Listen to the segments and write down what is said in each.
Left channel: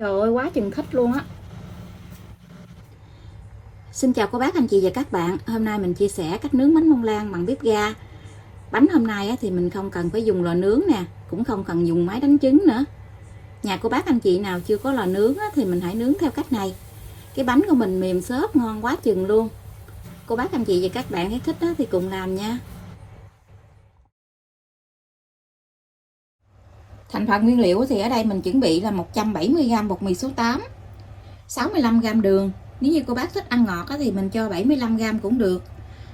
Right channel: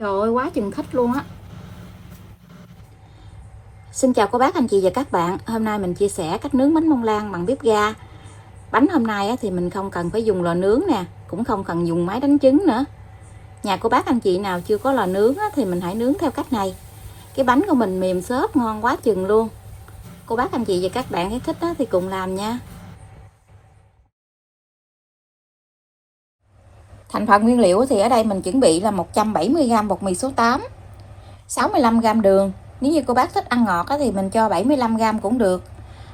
Trời ơi, quá chừng thích luôn á. Xin chào cô bác, anh chị và các bạn. Hôm nay mình chia sẻ cách nướng bánh bông lan bằng bếp ga. Bánh hôm nay thì mình không cần phải dùng lò nướng nè, cũng không cần dùng máy đánh trứng nữa. Nhà cô bác anh chị nào chưa có lò nướng thì mình hãy nướng theo cách này. Cái bánh của mình mềm xốp, ngon quá chừng luôn. Cô bác anh chị và các bạn thấy thích thì cùng làm nha. Thành phần nguyên liệu thì ở đây mình chuẩn bị là 170g bột mì số 8, 65g đường. Nếu như cô bác thích ăn ngọt thì mình cho 75g cũng được.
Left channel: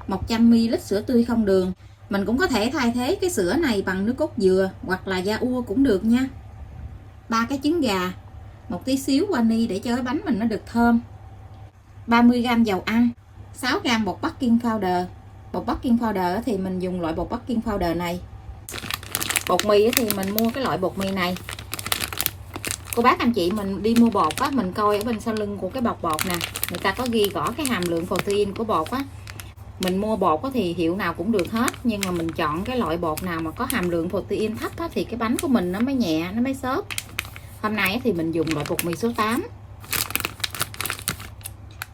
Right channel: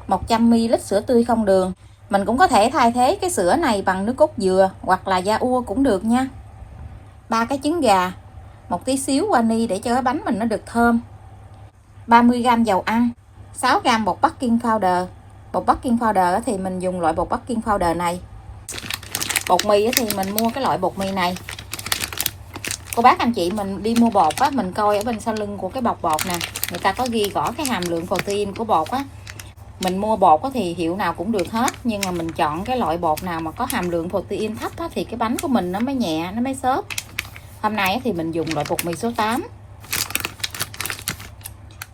100ml sữa tươi không đường. Mình cũng có thể thay thế cái sữa này bằng nước cốt dừa hoặc là da ua cũng được nha. 3 cái trứng gà, một tí xíu vani để cho cái bánh mình nó được thơm. 30g dầu ăn, 6g bột baking powder. Bột baking powder thì mình dùng loại bột baking powder này. Bột mì thì mình mua cái loại bột mì này. Cô bác anh chị mình đi mua bột á, mình coi ở bên sau lưng của cái bọc bột nè, người ta có ghi rõ cái hàm lượng protein của bột á. Mình mua bột thì hiệu nào cũng được hết, nhưng mà mình chọn cái loại bột nào mà có hàm lượng protein thấp thì cái bánh của mình nó mới nhẹ, nó mới xốp. Hôm nay thì mình dùng loại bột mì số 8.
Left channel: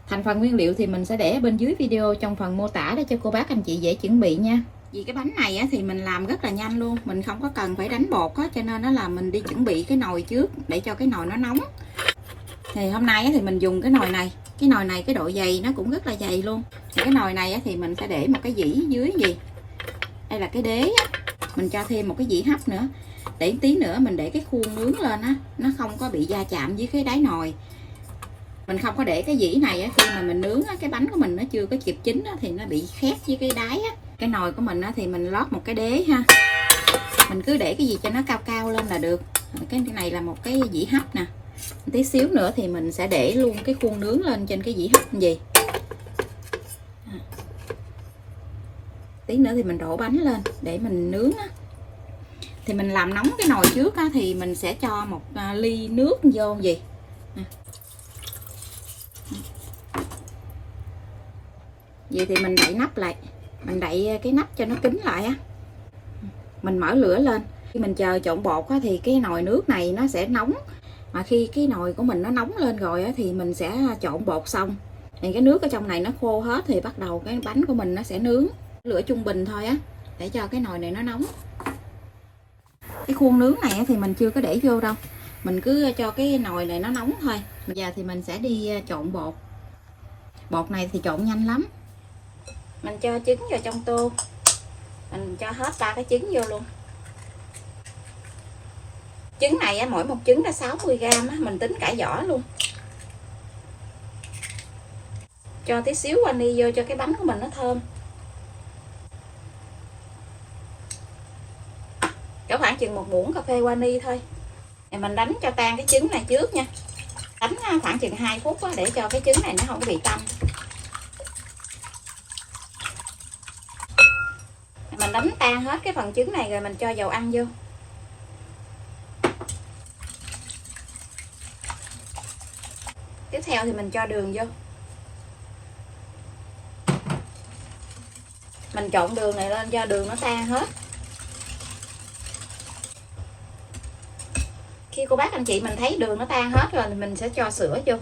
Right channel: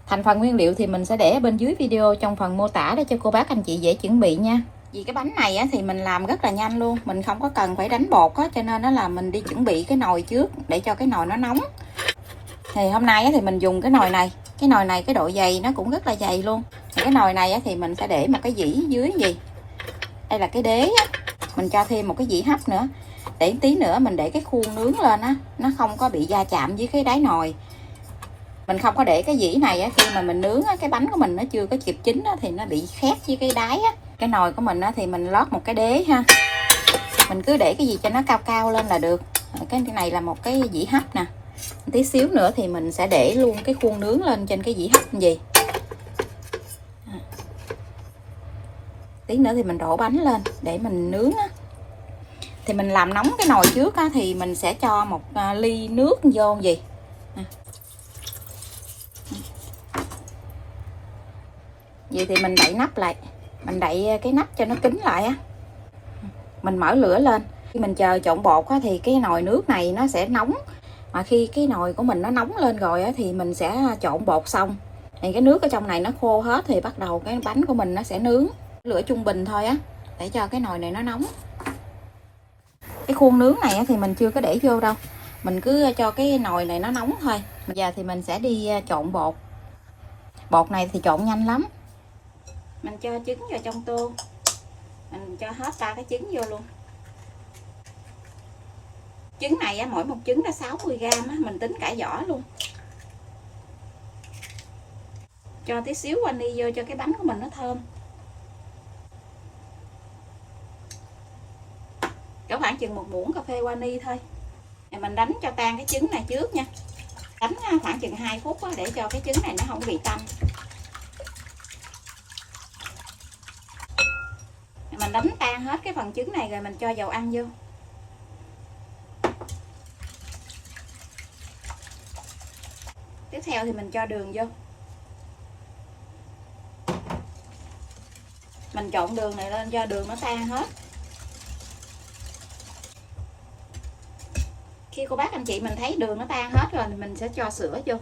Thành phần nguyên liệu thì mình sẽ để bên dưới video trong phần mô tả để cho cô bác anh chị dễ chuẩn bị nha. Vì cái bánh này thì mình làm rất là nhanh luôn, mình không có cần phải đánh bột cho nên nó là mình đi chuẩn bị cái nồi trước để cho cái nồi nó nóng. Thì hôm nay thì mình dùng cái nồi này. Cái nồi này cái độ dày nó cũng rất là dày luôn. Thì cái nồi này thì mình sẽ để một cái dĩ dưới gì. Đây là cái đế á. Mình cho thêm một cái dĩ hấp nữa. Để tí nữa mình để cái khuôn nướng lên á, nó không có bị va chạm với cái đáy nồi. Mình không có để cái dĩ này khi mà mình nướng cái bánh của mình nó chưa có kịp chín thì nó bị khét với cái đáy á. Cái nồi của mình thì mình lót một cái đế ha. Mình cứ để cái gì cho nó cao cao lên là được. Cái này là một cái dĩ hấp nè. Tí xíu nữa thì mình sẽ để luôn cái khuôn nướng lên trên cái dĩ hấp gì. Tí nữa thì mình đổ bánh lên để mình nướng á. Thì mình làm nóng cái nồi trước thì mình sẽ cho một ly nước vô gì. Vậy thì mình đậy nắp lại. Mình đậy cái nắp cho nó kín lại á. Mình mở lửa lên. Khi mình chờ trộn bột thì cái nồi nước này nó sẽ nóng. Mà khi cái nồi của mình nó nóng lên rồi thì mình sẽ trộn bột xong. Thì cái nước ở trong này nó khô hết thì bắt đầu cái bánh của mình nó sẽ nướng. Lửa trung bình thôi á, để cho cái nồi này nó nóng. Cái khuôn nướng này thì mình chưa có để vô đâu. Mình cứ cho cái nồi này nó nóng thôi. Bây giờ thì mình sẽ đi trộn bột. Bột này thì trộn nhanh lắm. Mình cho trứng vào trong tô. Mình cho hết 3 cái trứng vô luôn. Trứng này mỗi một trứng là 60g, mình tính cải vỏ luôn. Cho tí xíu vani vô cho cái bánh của mình nó thơm. Có khoảng chừng một muỗng cà phê vani thôi. Thì mình đánh cho tan cái trứng này trước nha. Đánh khoảng chừng 2 phút để cho cái trứng này nó không có bị tanh. Mình đánh tan hết cái phần trứng này rồi mình cho dầu ăn vô. Tiếp theo thì mình cho đường vô. Mình trộn đường này lên cho đường nó tan hết. Khi cô bác anh chị mình thấy đường nó tan hết rồi thì mình sẽ cho sữa vô.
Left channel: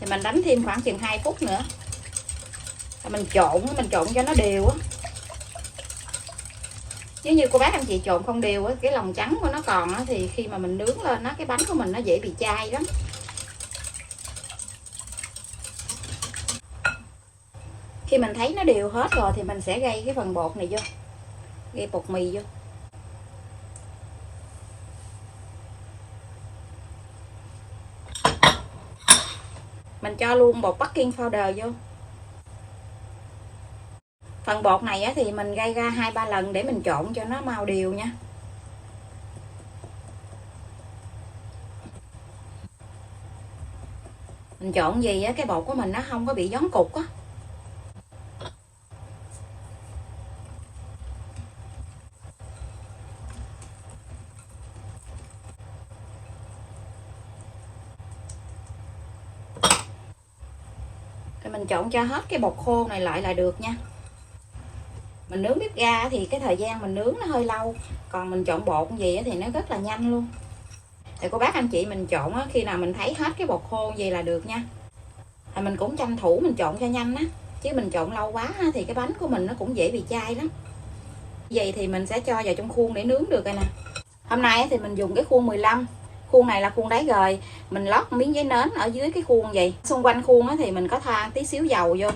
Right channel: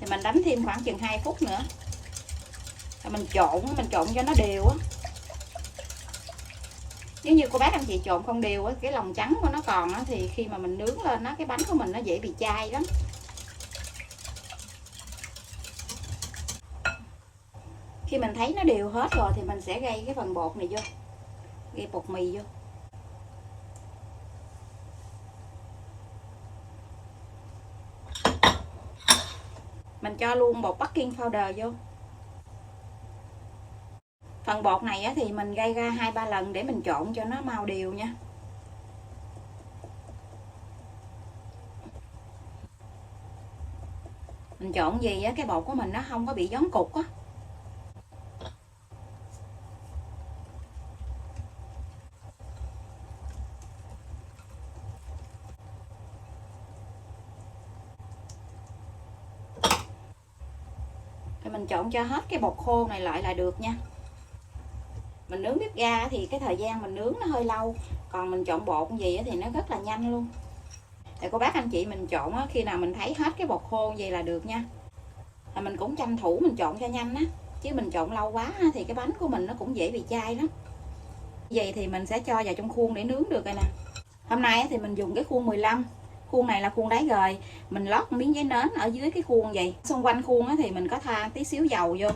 Thì mình đánh thêm khoảng chừng 2 phút nữa. Rồi mình trộn cho nó đều á. Nếu như cô bác anh chị trộn không đều cái lòng trắng của nó còn thì khi mà mình nướng lên cái bánh của mình nó dễ bị chai lắm. Khi mình thấy nó đều hết rồi thì mình sẽ gây cái phần bột này vô. Gây bột mì vô. Mình cho luôn bột baking powder vô. Phần bột này thì mình gây ra 2-3 lần để mình trộn cho nó mau đều nha. Mình trộn gì cái bột của mình nó không có bị gión cục á. Rồi mình trộn cho hết cái bột khô này lại là được nha. Mình nướng bếp ga thì cái thời gian mình nướng nó hơi lâu, còn mình trộn bột gì thì nó rất là nhanh luôn. Thì cô bác anh chị mình trộn khi nào mình thấy hết cái bột khô gì là được nha. Mình cũng tranh thủ mình trộn cho nhanh á, chứ mình trộn lâu quá thì cái bánh của mình nó cũng dễ bị chai lắm. Vậy thì mình sẽ cho vào trong khuôn để nướng được rồi nè. Hôm nay thì mình dùng cái khuôn 15. Khuôn này là khuôn đáy gời, mình lót miếng giấy nến ở dưới cái khuôn vậy. Xung quanh khuôn thì mình có thoa tí xíu dầu vô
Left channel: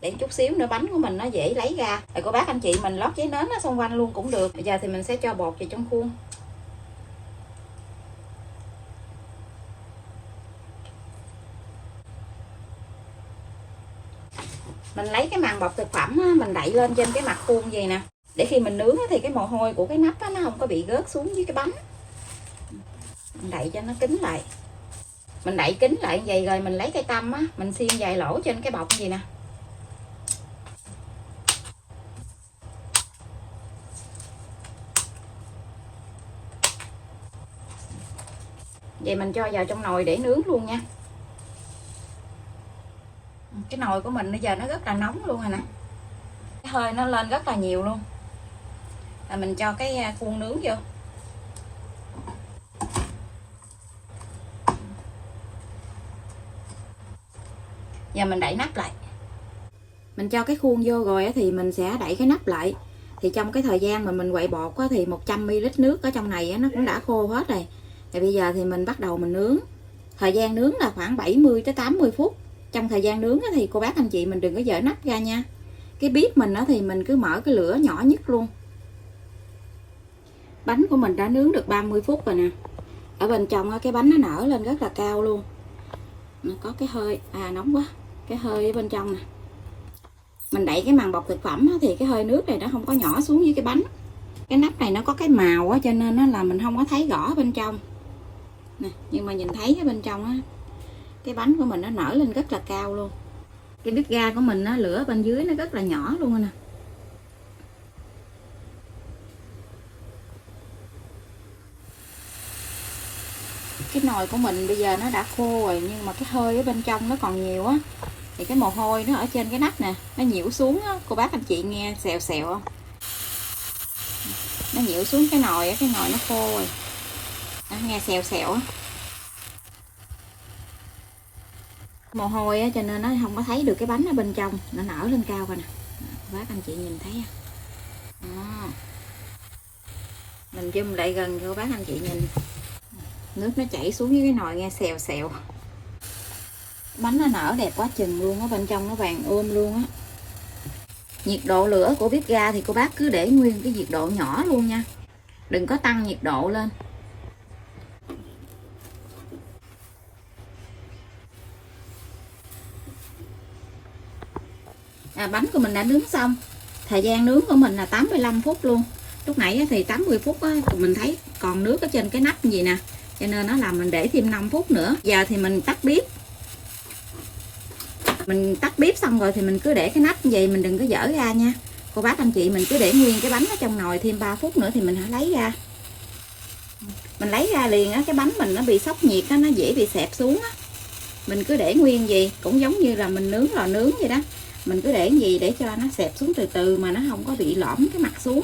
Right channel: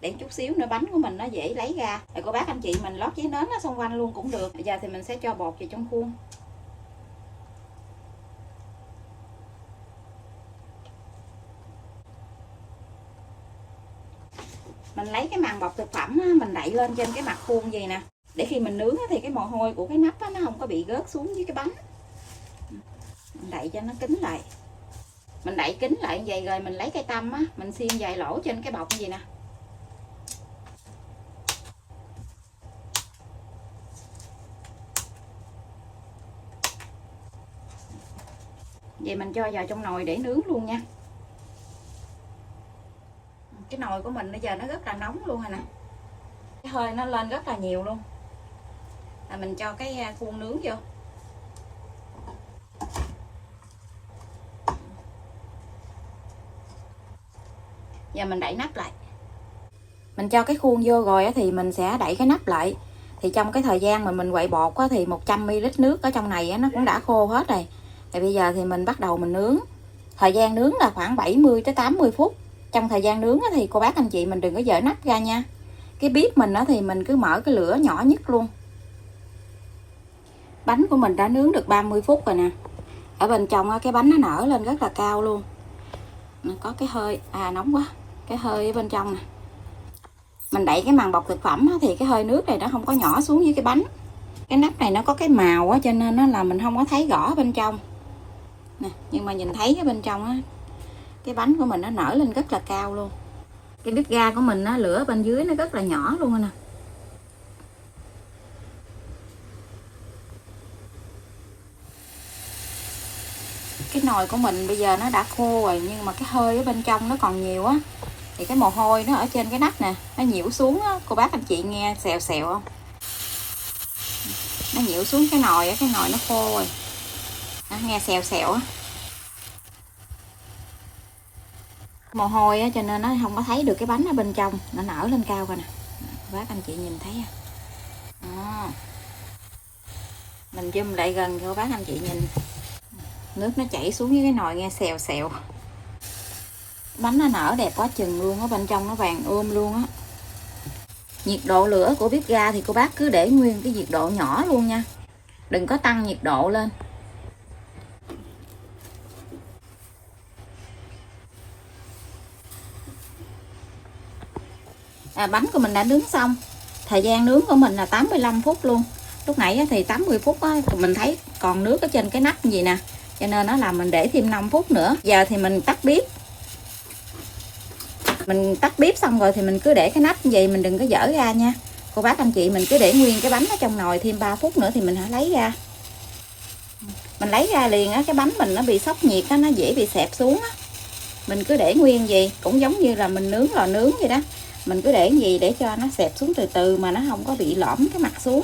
để chút xíu nữa bánh của mình nó dễ lấy ra. Rồi cô bác anh chị mình lót giấy nến ở xung quanh luôn cũng được. Bây giờ thì mình sẽ cho bột vào trong khuôn. Mình lấy cái màng bọc thực phẩm mình đậy lên trên cái mặt khuôn vậy nè, để khi mình nướng thì cái mồ hôi của cái nắp nó không có bị rớt xuống dưới cái bánh. Mình đậy cho nó kín lại. Mình đậy kín lại vậy rồi mình lấy cây tăm mình xiên vài lỗ trên cái bọc gì nè. Vậy mình cho vào trong nồi để nướng luôn nha. Cái nồi của mình bây giờ nó rất là nóng luôn rồi nè, cái hơi nó lên rất là nhiều luôn. Là mình cho cái khuôn nướng vô. Giờ mình đậy nắp lại. Mình cho cái khuôn vô rồi thì mình sẽ đậy cái nắp lại. Thì trong cái thời gian mà mình quậy bột thì 100ml nước ở trong này nó cũng đã khô hết rồi. Thì bây giờ thì mình bắt đầu mình nướng. Thời gian nướng là khoảng 70 tới 80 phút. Trong thời gian nướng thì cô bác anh chị mình đừng có dở nắp ra nha. Cái bếp mình thì mình cứ mở cái lửa nhỏ nhất luôn. Bánh của mình đã nướng được 30 phút rồi nè. Ở bên trong cái bánh nó nở lên rất là cao luôn. Có cái hơi nóng quá, cái hơi ở bên trong nè. Mình đậy cái màng bọc thực phẩm thì cái hơi nước này nó không có nhỏ xuống dưới cái bánh. Cái nắp này nó có cái màu cho nên nó là mình không có thấy rõ bên trong nè, nhưng mà nhìn thấy cái bên trong cái bánh của mình nó nở lên rất là cao luôn. Cái bếp ga của mình lửa bên dưới nó rất là nhỏ luôn nè. Cái nồi của mình bây giờ nó đã khô rồi, nhưng mà cái hơi ở bên trong nó còn nhiều á. Thì cái mồ hôi nó ở trên cái nắp nè, nó nhiễu xuống á, cô bác anh chị nghe xèo xèo không? Nó nhiễu xuống cái nồi nó khô rồi. Nó nghe xèo xèo á. Mồ hôi á cho nên nó không có thấy được cái bánh ở bên trong, nó nở lên cao rồi nè. Cô bác anh chị nhìn thấy không? Mình zoom lại gần cho cô bác anh chị nhìn. Nước nó chảy xuống với cái nồi nghe xèo xèo. Bánh nó nở đẹp quá chừng luôn, ở bên trong nó vàng luôn á. Nhiệt độ lửa của bếp ga thì cô bác cứ để nguyên cái nhiệt độ nhỏ luôn nha, đừng có tăng nhiệt độ lên. Bánh của mình đã nướng xong. Thời gian nướng của mình là 85 phút luôn. Lúc nãy thì 80 phút mình thấy còn nước ở trên cái nắp gì nè, cho nên nó là mình để thêm 5 phút nữa. Giờ thì mình tắt bếp. Mình tắt bếp xong rồi thì mình cứ để cái nắp như vậy, mình đừng có dở ra nha. Cô bác anh chị mình cứ để nguyên cái bánh ở trong nồi thêm 3 phút nữa thì mình hãy lấy ra. Mình lấy ra liền cái bánh mình nó bị sốc nhiệt nó dễ bị xẹp xuống Mình cứ để nguyên gì cũng giống như là mình nướng lò nướng vậy đó. Mình cứ để gì để cho nó xẹp xuống từ từ mà nó không có bị lõm cái mặt xuống.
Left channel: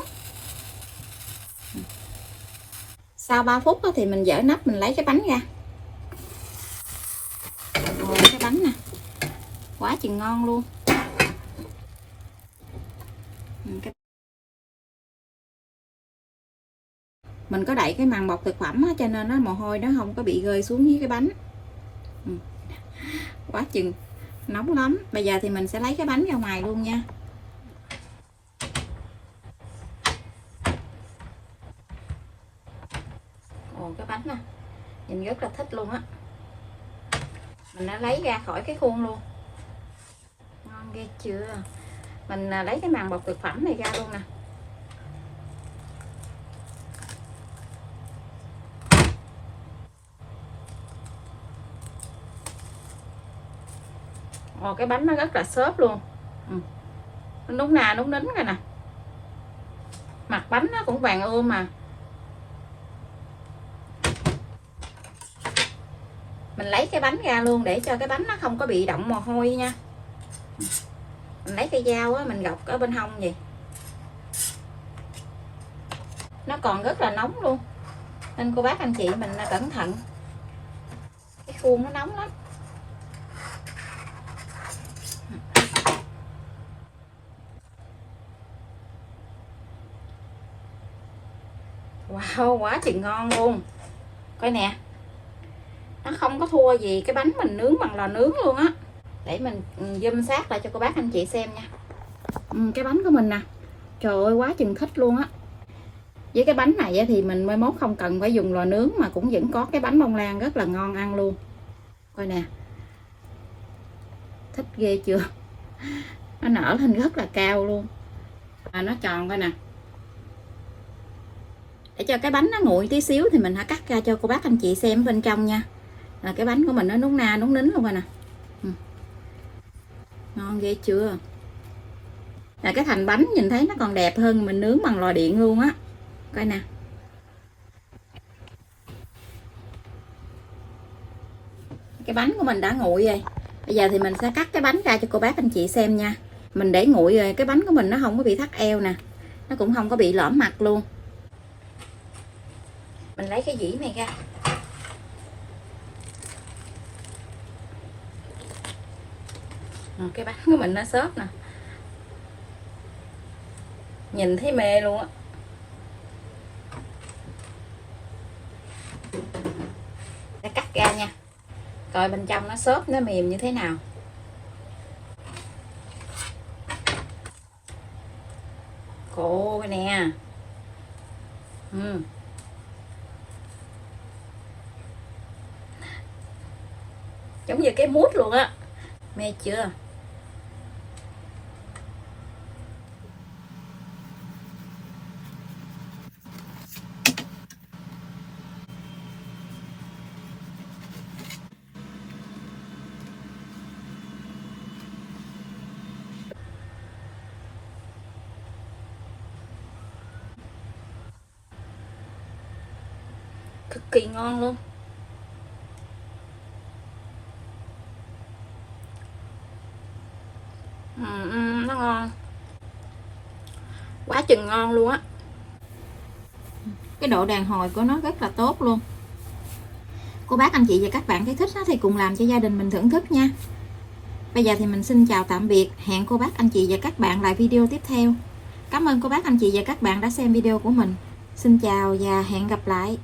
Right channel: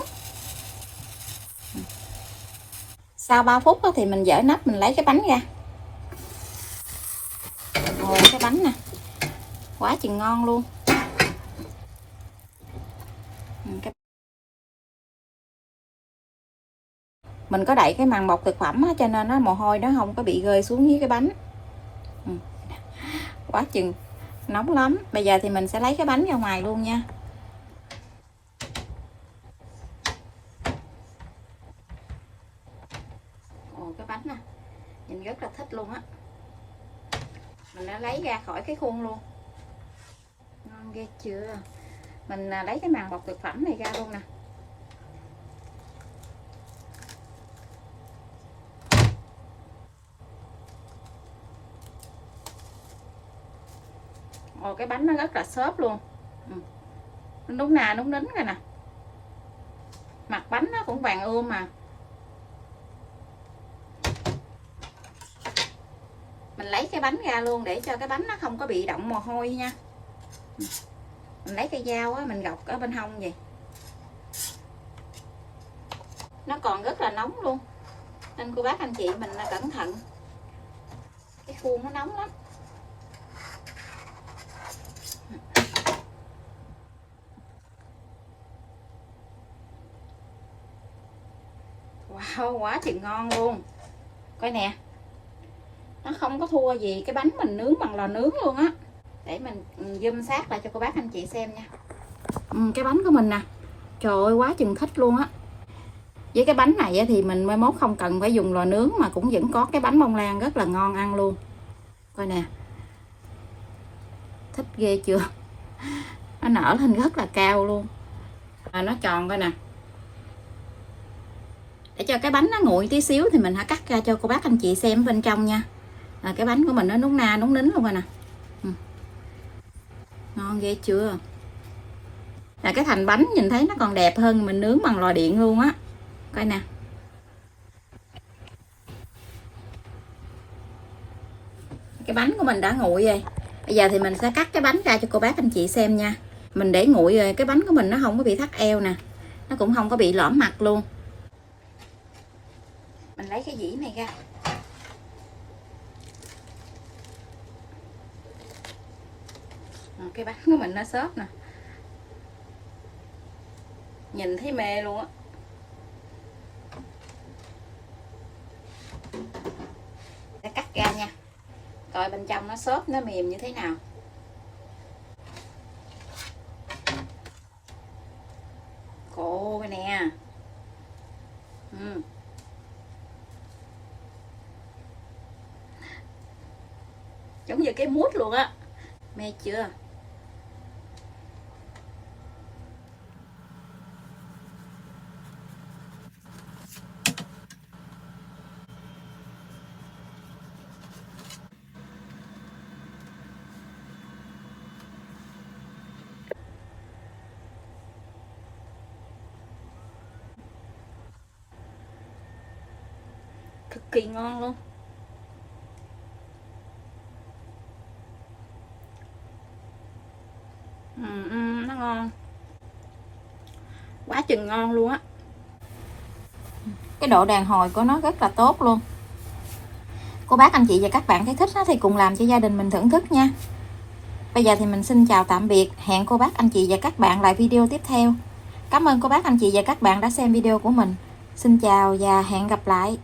Sau 3 phút thì mình dỡ nắp, mình lấy cái bánh ra. Ồ, cái bánh nè, quá chừng ngon luôn. Mình có đậy cái màng bọc thực phẩm cho nên nó mồ hôi nó không có bị rơi xuống dưới cái bánh. Quá chừng nóng lắm. Bây giờ thì mình sẽ lấy cái bánh ra ngoài luôn nha. Ồ, cái bánh nè, nhìn rất là thích luôn á. Mình đã lấy ra khỏi cái khuôn luôn. Ngon ghê chưa. Mình lấy cái màng bọc thực phẩm này ra luôn nè. Ồ, cái bánh nó rất là xốp luôn. Nó núng nà núng nín rồi nè. Mặt bánh nó cũng vàng ươm mà. Mình lấy cái bánh ra luôn để cho cái bánh nó không có bị đọng mồ hôi nha. Mình lấy cây dao mình gọt ở bên hông vậy. nó còn rất là nóng luôn, nên cô bác anh chị mình cẩn thận, cái khuôn nó nóng lắm. Wow, quá thì ngon luôn. Coi nè, nó không có thua gì cái bánh mình nướng bằng lò nướng luôn á. Để mình zoom sát lại cho cô bác anh chị xem nha. Cái bánh của mình nè, trời ơi quá chừng thích luôn á. Với cái bánh này thì mình mai mốt không cần phải dùng lò nướng mà cũng vẫn có cái bánh bông lan rất là ngon ăn luôn. Coi nè, thích ghê chưa, nó nở lên rất là cao luôn, nó tròn. Coi nè, để cho cái bánh nó nguội tí xíu thì mình hãy cắt ra cho cô bác anh chị xem bên trong nha. Cái bánh của mình nó núng na núng nín luôn rồi nè. Ngon ghê chưa. Là cái thành bánh nhìn thấy nó còn đẹp hơn mình nướng bằng lò điện luôn á. Coi nè, cái bánh của mình đã nguội rồi. Bây giờ thì mình sẽ cắt cái bánh ra cho cô bác anh chị xem nha. Mình để nguội rồi cái bánh của mình nó không có bị thắt eo nè, nó cũng không có bị lõm mặt luôn. Mình lấy cái dĩ này ra. Cái bánh của mình nó xốp nè, nhìn thấy mê luôn á. Cắt ra nha, coi bên trong nó xốp nó mềm như thế nào. Cô nè, giống như cái mút luôn á, mê chưa. Cực kỳ ngon luôn. Nó ngon quá chừng ngon luôn á. Cái độ đàn hồi của nó rất là tốt luôn. Cô bác anh chị và các bạn thấy thích thì cùng làm cho gia đình mình thưởng thức nha. Bây giờ thì mình xin chào tạm biệt, hẹn cô bác anh chị và các bạn lại video tiếp theo. Cảm ơn cô bác anh chị và các bạn đã xem video của mình. Xin chào và hẹn gặp lại.